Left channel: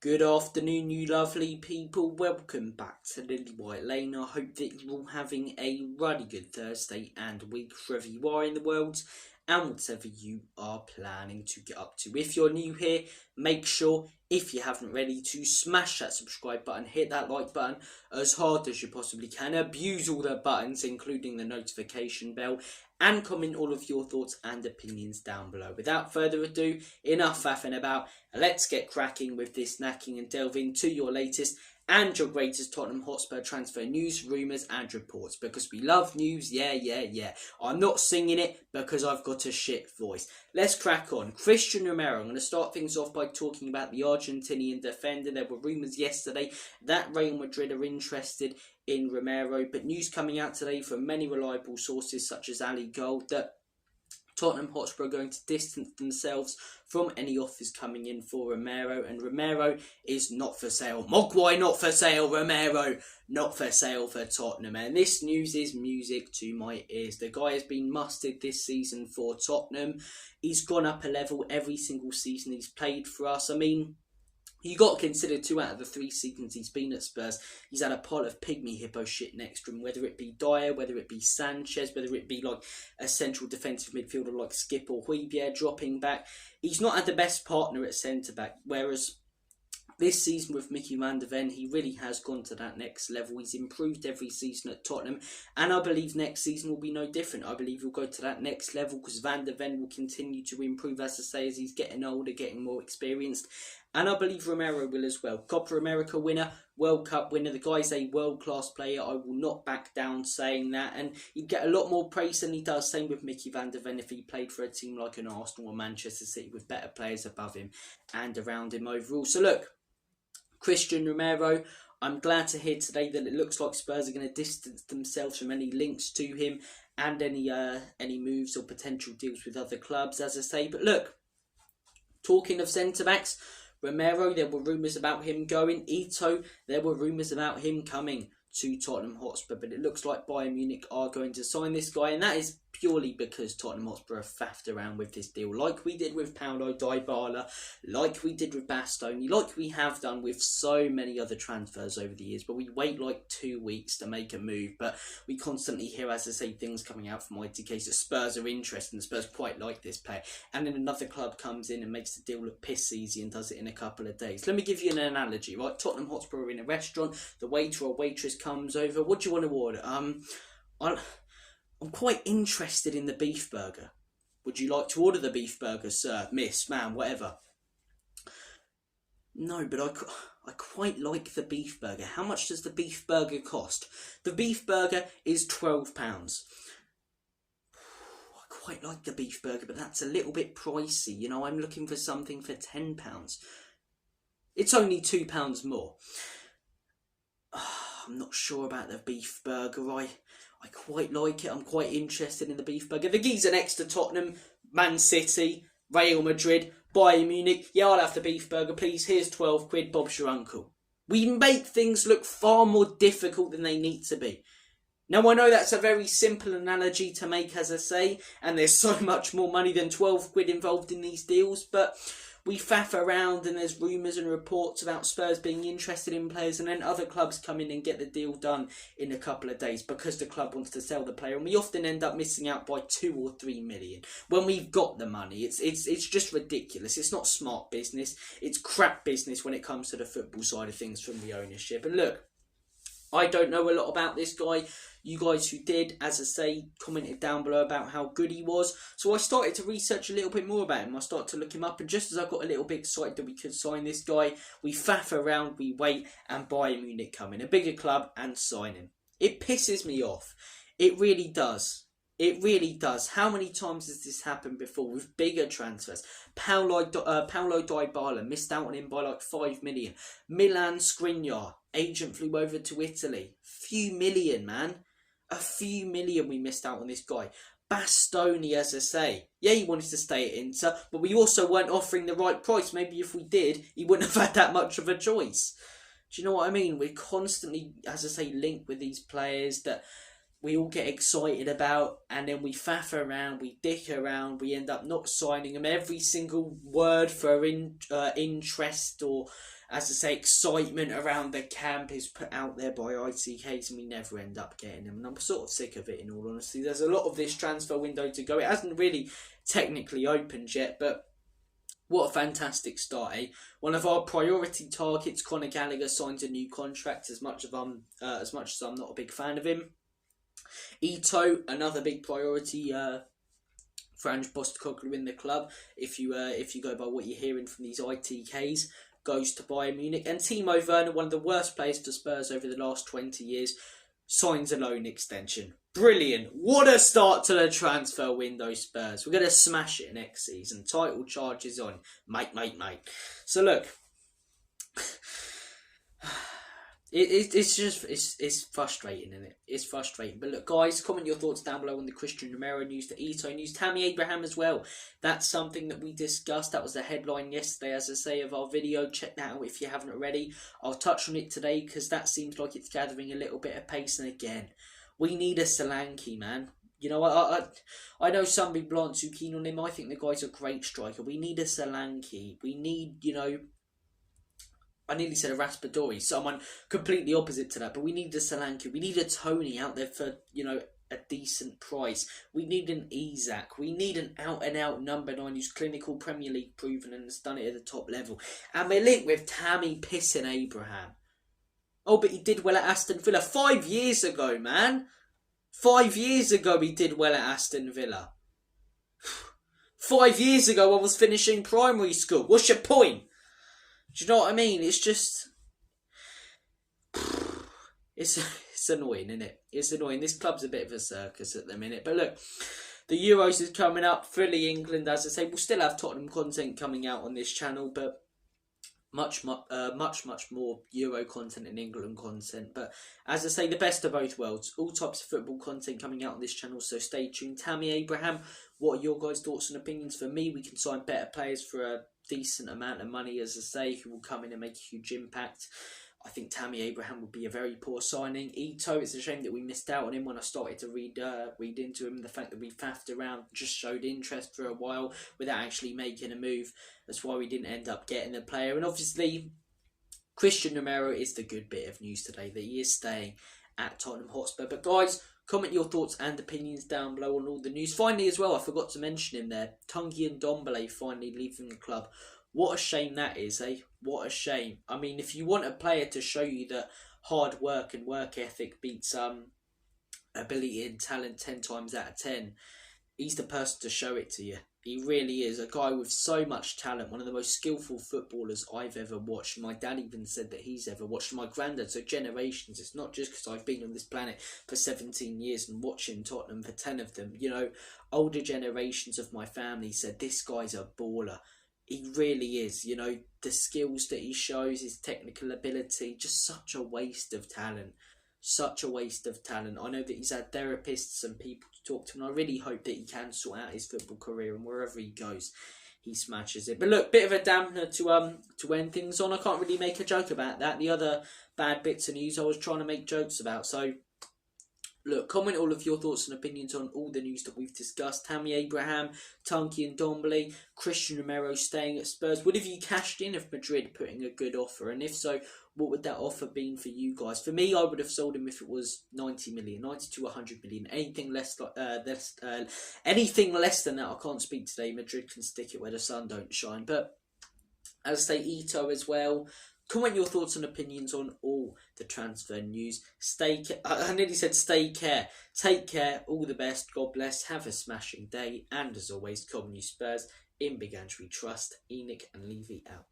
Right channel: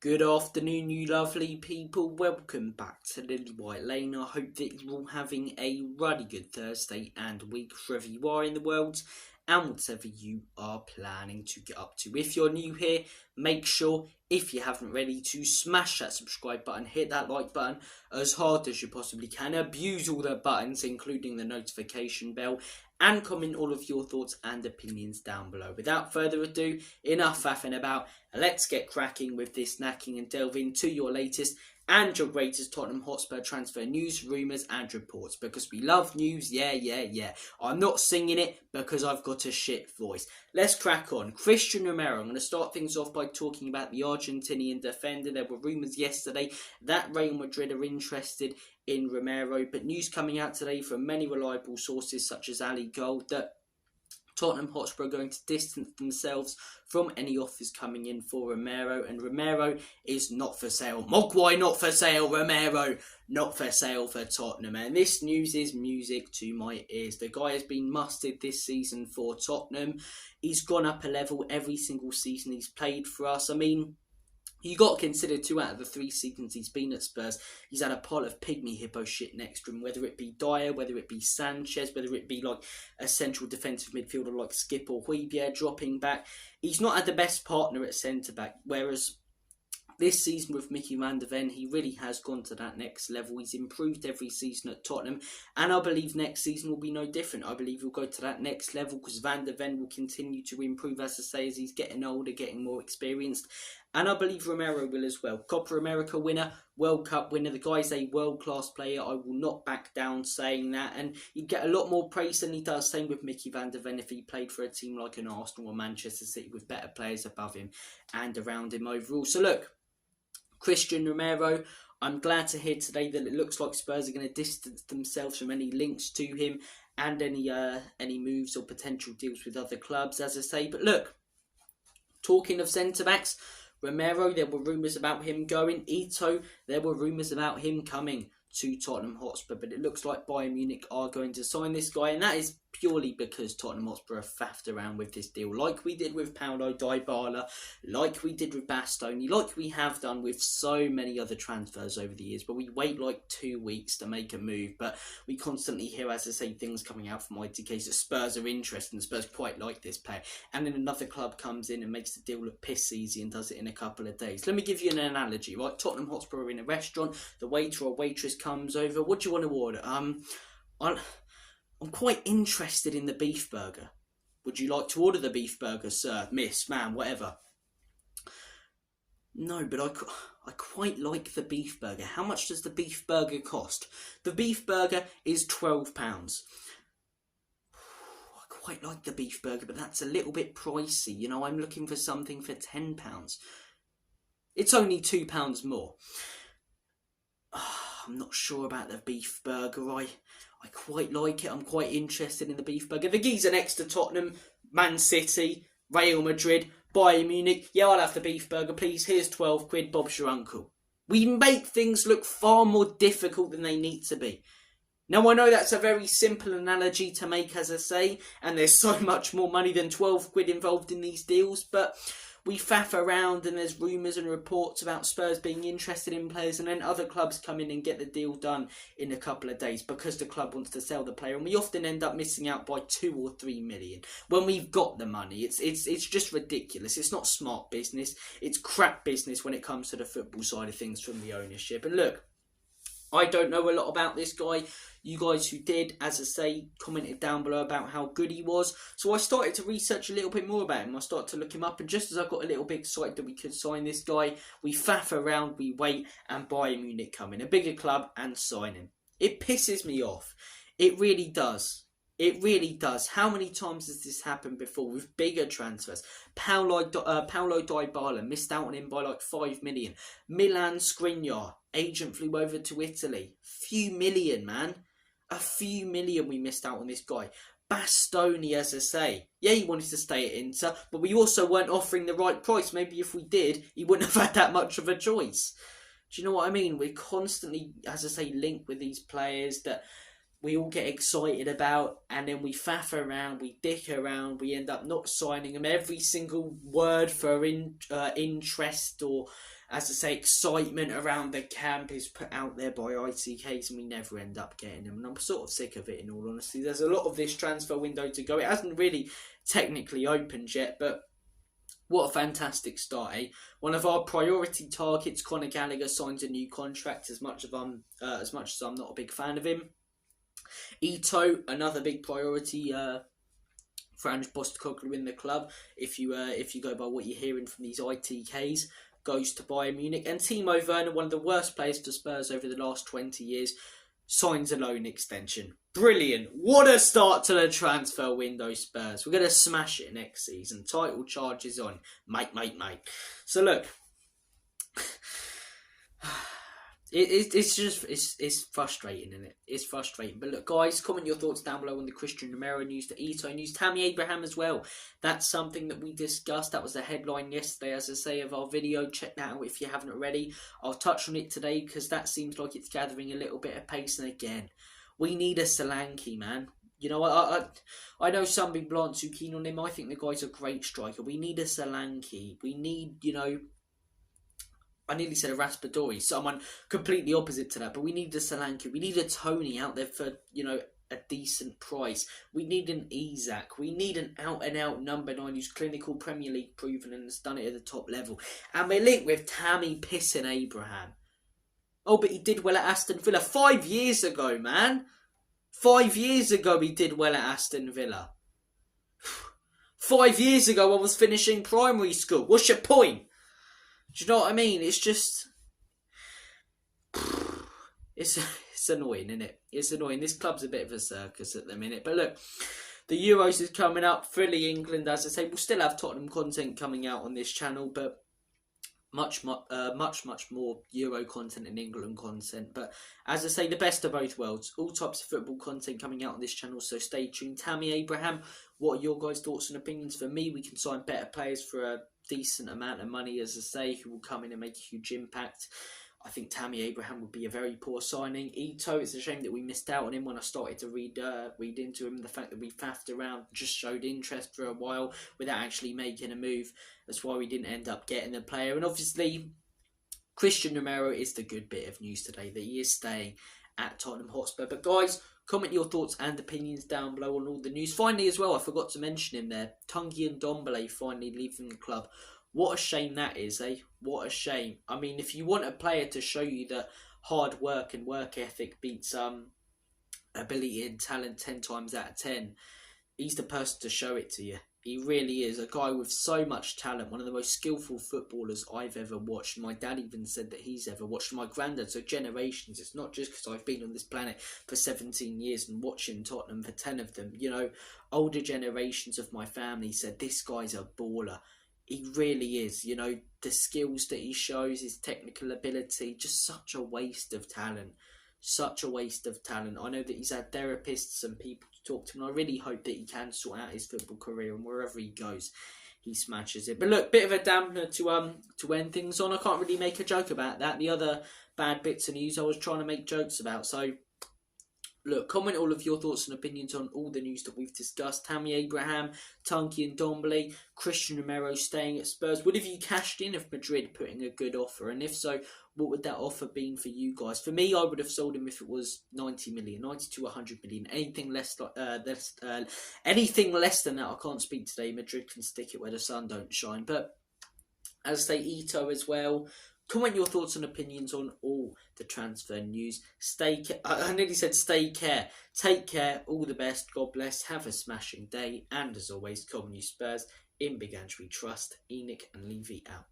Good afternoon, you lovely people. Welcome back to Lily White Lane. I hope that you're all having a really good Thursday and week wherever you are in the world and whatever you are planning to get up to. If you're new here, make sure, if you haven't already, to smash that subscribe button, hit that like button as hard as you possibly can, abuse all the buttons, including the notification bell, and comment all of your thoughts and opinions down below. Without further ado, enough faffing about, let's get cracking with this snacking and delve into your latest and your greatest Tottenham Hotspur transfer news, rumours and reports. Because we love news, yeah. I'm not singing it because I've got a shit voice. Let's crack on. Christian Romero. I'm going to start things off by talking about the Argentinian defender. There were rumours yesterday that Real Madrid are interested in Romero, but news coming out today from many reliable sources such as Ali Gold that Tottenham Hotspur are going to distance themselves from any offers coming in for Romero, and Romero is not for sale. Mogwai not for sale, Romero not for sale for Tottenham, and this news is music to my ears. The guy has been mustered this season for Tottenham. He's gone up a level every single season he's played for us. I mean, you got to consider 2 out of the 3 seasons he's been at Spurs, he's had a pile of pygmy hippo shit next to him, whether it be Dyer, whether it be Sanchez, whether it be like a central defensive midfielder like Skip or Højbjerg dropping back. He's not had the best partner at centre-back, whereas this season with Mickey van der Ven, he really has gone to that next level. He's improved every season at Tottenham, and I believe next season will be no different. I believe he'll go to that next level because Van der Ven will continue to improve, as I say, as he's getting older, getting more experienced. And I believe Romero will as well. Copa America winner, World Cup winner. The guy's a world-class player. I will not back down saying that. And he'd get a lot more praise than he does. Same with Mickey van der Ven if he played for a team like an Arsenal or Manchester City with better players above him and around him overall. So look, Christian Romero, I'm glad to hear today that it looks like Spurs are going to distance themselves from any links to him and any moves or potential deals with other clubs, as I say. But look, talking of centre-backs, Romero, there were rumours about him going. Ito, there were rumours about him coming to Tottenham Hotspur, but it looks like Bayern Munich are going to sign this guy, and that is purely because Tottenham Hotspur have faffed around with this deal, like we did with Paulo Dybala, like we did with Bastoni, like we have done with so many other transfers over the years, but we wait like 2 weeks to make a move. But we constantly hear, as I say, things coming out from ITK that Spurs are interested and Spurs quite like this player, and then another club comes in and makes the deal look piss easy and does it in a couple of days. Let me give you an analogy, right? Tottenham Hotspur are in a restaurant, the waiter or waitress comes over. What do you want to order? I'm quite interested in the beef burger. Would you like to order the beef burger, sir, miss, ma'am, whatever? No, but I quite like the beef burger. How much does the beef burger cost? The beef burger is £12. I quite like the beef burger, but that's a little bit pricey. You know, I'm looking for something for £10. It's only £2 more. I'm not sure about the beef burger. I quite like it. I'm quite interested in the beef burger. The geezer next to Tottenham, Man City, Real Madrid, Bayern Munich. Yeah, I'll have the beef burger, please. Here's 12 quid. Bob's your uncle. We make things look far more difficult than they need to be. Now, I know that's a very simple analogy to make, as I say, and there's so much more money than 12 quid involved in these deals, but we faff around and there's rumours and reports about Spurs being interested in players, and then other clubs come in and get the deal done in a couple of days because the club wants to sell the player, and we often end up missing out by 2 or 3 million when we've got the money. It's just ridiculous. It's not smart business. It's crap business when it comes to the football side of things from the ownership. And look, I don't know a lot about this guy. You guys who did, as I say, commented down below about how good he was. So I started to research a little bit more about him. I started to look him up, and just as I got a little bit excited that we could sign this guy, we faff around, we wait, and Bayern Munich come in, a bigger club, and sign him. It pisses me off. It really does. It really does. How many times has this happened before with bigger transfers? Paulo Dybala missed out on him by like 5 million. Milan Skriniar, agent flew over to Italy. Few million, man. A few million we missed out on this guy. Bastoni, as I say. Yeah, he wanted to stay at Inter, but we also weren't offering the right price. Maybe if we did, he wouldn't have had that much of a choice. Do you know what I mean? We're constantly, as I say, linked with these players that we all get excited about, and then we faff around, we dick around, we end up not signing them. Every single word for interest or, as I say, excitement around the camp is put out there by ITKs, and we never end up getting them. And I'm sort of sick of it, in all honesty. There's a lot of this transfer window to go. It hasn't really technically opened yet, but what a fantastic start, eh? One of our priority targets, Conor Gallagher, signs a new contract. As much as I'm not a big fan of him. Ito, another big priority for Ange Postecoglou in the club. If you go by what you're hearing from these ITKs, goes to Bayern Munich. And Timo Werner, one of the worst players for Spurs over the last 20 years, signs a loan extension. Brilliant. What a start to the transfer window, Spurs. We're going to smash it next season. Title charges on. Mate. So look, it's frustrating, isn't it? It's frustrating. But look, guys, comment your thoughts down below on the Christian Romero news, the Ito news, Tammy Abraham as well. That's something that we discussed. That was the headline yesterday, as I say, of our video. Check that out if you haven't already. I'll touch on it today because that seems like it's gathering a little bit of pace. And again, we need a Solanke, man. You know, I know some people aren't too keen on him. I think the guy's a great striker. We need a Solanke. We need, you know, I nearly said a Raspadori, someone completely opposite to that, but we need a Solanke. We need a Tony out there for, you know, a decent price. We need an Isak. We need an out-and-out number 9 who's clinical, Premier League proven and has done it at the top level. And we're linked with Tammy Pissin Abraham. Oh, but he did well at Aston Villa 5 years ago, man. 5 years ago he did well at Aston Villa. 5 years ago I was finishing primary school. What's your point? Do you know what I mean? It's just... It's annoying, isn't it? It's annoying. This club's a bit of a circus at the minute. But look, the Euros is coming up. Fully England, as I say. We'll still have Tottenham content coming out on this channel, but much more Euro content and England content. But as I say, the best of both worlds. All types of football content coming out on this channel, so stay tuned. Tammy Abraham, what are your guys' thoughts and opinions? For me, we can sign better players for a decent amount of money, as I say, who will come in and make a huge impact. I think Tammy Abraham would be a very poor signing. Ito, it's a shame that we missed out on him when I started to read into him. The fact that we faffed around, just showed interest for a while without actually making a move. That's why we didn't end up getting the player. And obviously, Christian Romero is the good bit of news today, that he is staying at Tottenham Hotspur. But guys, comment your thoughts and opinions down below on all the news. Finally as well, I forgot to mention him there, Tanguy Ndombele finally leaving the club. What a shame that is, eh? What a shame. I mean, if you want a player to show you that hard work and work ethic beats ability and talent 10 times out of 10, he's the person to show it to you. He really is. A guy with so much talent. One of the most skillful footballers I've ever watched. My dad even said that he's ever watched. My granddad, so generations. It's not just because I've been on this planet for 17 years and watching Tottenham for 10 of them. You know, older generations of my family said this guy's a baller. He really is. You know, the skills that he shows, his technical ability, just such a waste of talent. Such a waste of talent. I know that he's had therapists and people to talk to, and I really hope that he can sort out his football career, and wherever he goes, he smashes it. But look, bit of a dampener to end things on. I can't really make a joke about that. The other bad bits of news I was trying to make jokes about. So look, comment all of your thoughts and opinions on all the news that we've discussed. Tammy Abraham, Tanguy Ndombele, Christian Romero staying at Spurs. Would have you cashed in if Madrid putting a good offer? And if so, what would that offer been for you guys? For me, I would have sold him if it was 90 million, 90 to 100 million. Anything less than that, I can't speak today. Madrid can stick it where the sun don't shine. But as I say, Ito as well. Comment your thoughts and opinions on all the transfer news. I nearly said stay care. Take care. All the best. God bless. Have a smashing day. And as always, come on you Spurs. In Big Ange we trust. Enoch and Levy out.